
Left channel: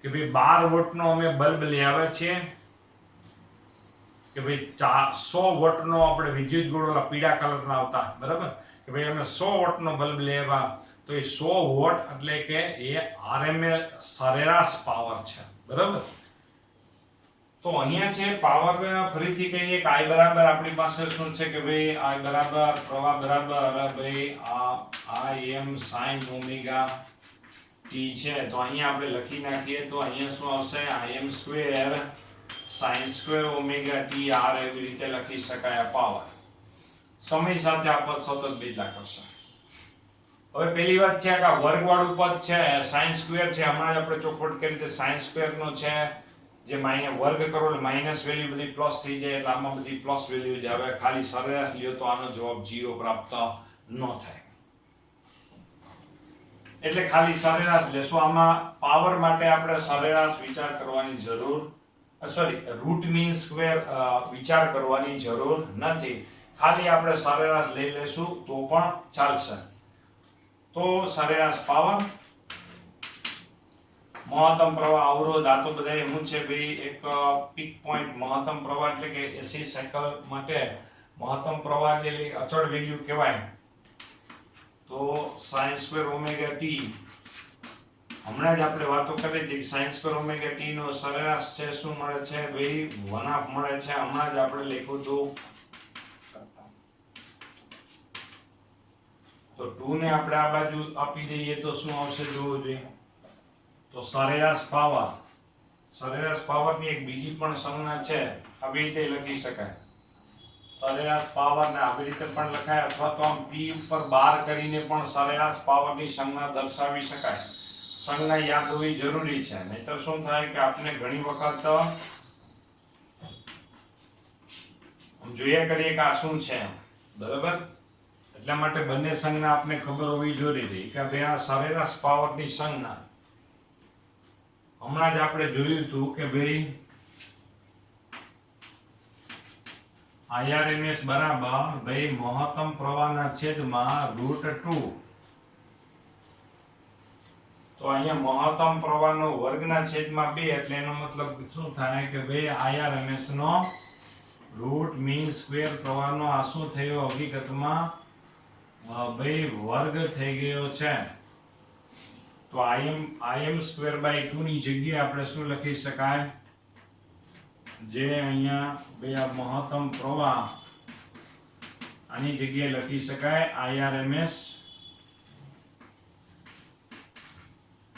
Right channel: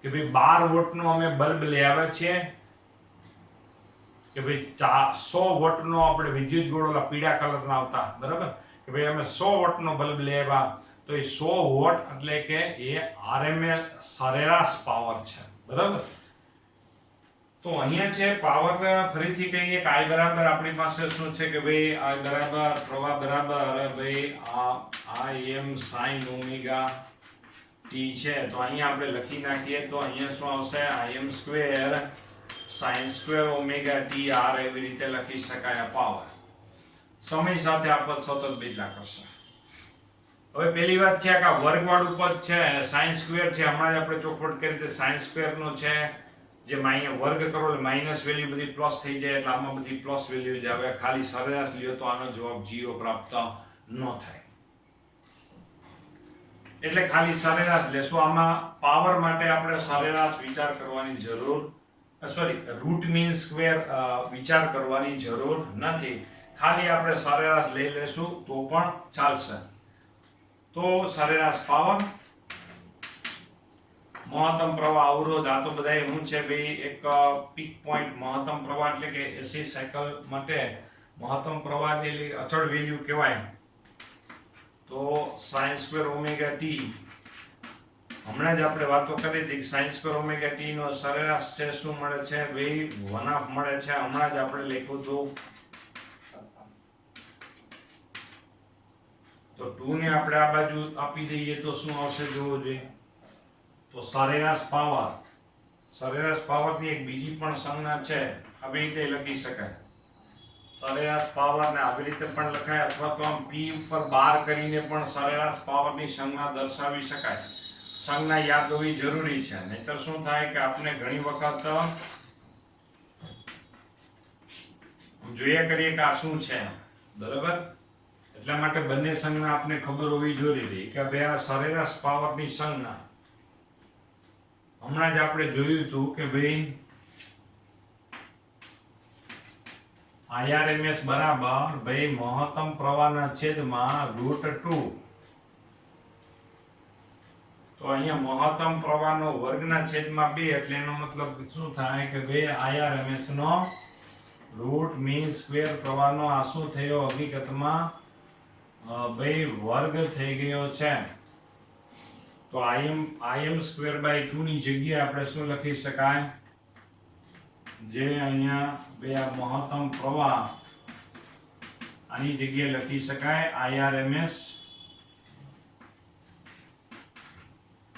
કે ભાઈ 12 વોટનો અમે બલ્બ લઈ આવ્યા છીએ કે ભાઈ 100 વોટનો આપણે વિદ્યુત ગોળો પીળા કલરના આવતા, બરાબર? કે ભાઈ અમે 100 વોટનો બલ્બ લઈ આવ્યા તો એ 100 વોટ એટલે કે એ RMS સરેરાશ પાવર છે, બરાબર? તો અહીંયા છે પાવર ફરીથી કહીએ કે I બરાબર આપણી પાસે શું છે કે ભાઈ I બરાબર પ્રવાહ બરાબર ભાઈ આ Im sin ઓમેગા t છે. તો અહીંયા આપણે લખી નાખીએ તો અહીંયા શું આવશે? Im square sin square omega t r એવી રીતે લખી શકાય. આ પાવર સમય સાથે આ પદ સતત બદલા કરશે. હવે પહેલી વાત છે કે આ વર્ગવાળું પદ છે sin સ્ક્વેર છે. હમણાં જ આપણે ચોખવટ કરી કે sin સ્ક્વેર નો છે જે વર્ગ કરો એટલે માઇનસ વેલ્યુ બધી પ્લસ થઈ જાય એટલે આમાં બધી પ્લસ વેલ્યુ જ આવે. ખાલી સરેરાશ લ્યો તો આનો જવાબ 0 પ્રાપ્ત ન થાય. એટલે ખાલી સરેરાશ લેશું. આમાં પાવર માટે આપણે સરેરાશ વિચાર કરવાની જરૂર રૂટ મીન સ્ક્વેર વિચાર કરવાની જરૂર નથી. ખાલી આપણે સરેરાશ લઈ લેશું તો પણ ચાલશે. તો સરેરાશ પાવર, મહત્તમ પ્રવાહ, અવરોધ, આ તો બધા શું છે ભાઈ, એક પીક પોઈન્ટ મહત્તમ પ્રવાહ એટલે કે એસી સાયકલ માટે મહત્તમ પ્રવાહ એટલે અચળ વેલ્યુ કહેવાય. તો sin² ઓમેગા ટી, હમણાં જ આપણે વાતો કરી હતી કે sin² ઓમેગા ટી નો સરેરાશ છે શું મળે છે ભાઈ, 1/2 મળે છે. હમણાં જ આપણે લખ્યું હતું. તો 2 ને આપણે આ બાજુ આપી દઈએ તો શું આવશે જોવો જોઈએ. તો સરેરાશ પાવરની એક બીજી પણ સંજ્ઞા છે, આવી રીતે લખી શકાય. સરેરાશ પાવરને આવી રીતે પણ લખાય અથવા તો આમ p ઉપર બાર કરીને પણ સરેરાશ પાવરની સંજ્ઞા દર્શાવી શકાય. સંજ્ઞા યાદ હોવી જરૂરી છે, નહીતર શું થાય કે આપણે ઘણી વખત જોયા કરીએ કે આ શું છે, બરાબર. એટલા માટે બંને સંજ્ઞા આપણે ખબર હોવી જરૂરી કે ભાઈ આ સરેરાશ પાવરની સંજ્ઞા. હમણાં જ આપણે જોયું હતું કે ભાઈ IRMS બરાબર ભાઈ મહત્તમ પ્રવાહના છેદમાં √2. તો અહીંયા મહત્તમ પ્રવાહનો વર્ગના છેદમાં 2 એટલે એનો મતલબ શું થાય કે ભાઈ IRMS નો રૂટ મીન સ્ક્વેર પ્રવાહનો આ શું થયો હકીકતમાં ભાઈ વર્ગ થઈ ગયો છે. તો Im²/2 ની જગ્યાએ આપણે શું લખી શકાય, જે અહીંયા બે આ મહત્તમ પ્રવાહ આની જગ્યાએ લખી શકાય IRMS.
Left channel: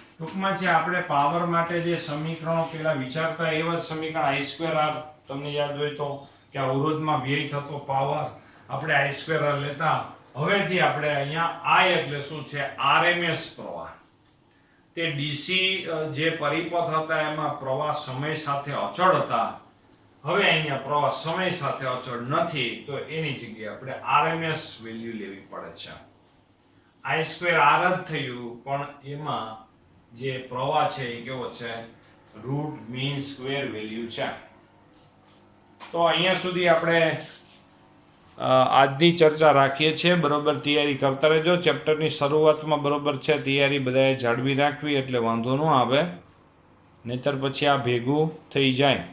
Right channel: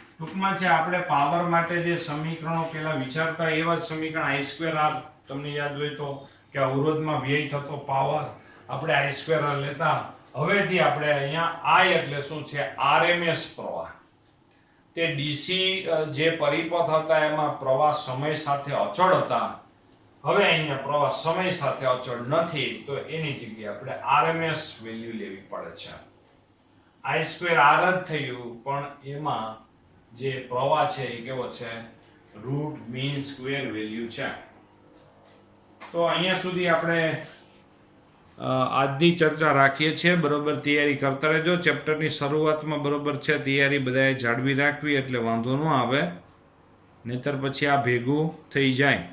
ટૂંકમાં છે આપણે પાવર માટે જે સમીકરણો પેલા વિચારતા એવા જ સમીકરણ I²R, તમને યાદ હોય તો કે અવરોધમાં વ્યય થતો પાવર આપણે I²R લેતા. હવેથી આપણે અહીંયા I એટલે શું છે, RMS પ્રવાહ. તે ડીસી જે પરિપથ હતા એમાં પ્રવાહ સમય સાથે અચળ હતા. હવે અહીંયા પ્રવાહ સમય સાથે અચળ નથી, તો એની જગ્યાએ આપણે RMS વેલ્યુ લેવી પડે છે. I²R જ થયું, પણ એમાં જે પ્રવાહ છે એ કેવો છે, રૂટ મીન સ્ક્વેર વેલ્યુ છે. તો અહીંયા સુધી આપણે આજની ચર્ચા રાખીએ છીએ. બરોબર, તૈયારી કરતા રહેજો. ચેપ્ટરની શરૂઆતમાં બરોબર છે તૈયારી બધાએ જાળવી રાખવી એટલે વાંધો ન આવે, નહીતર પછી આ ભેગું થઈ જાય.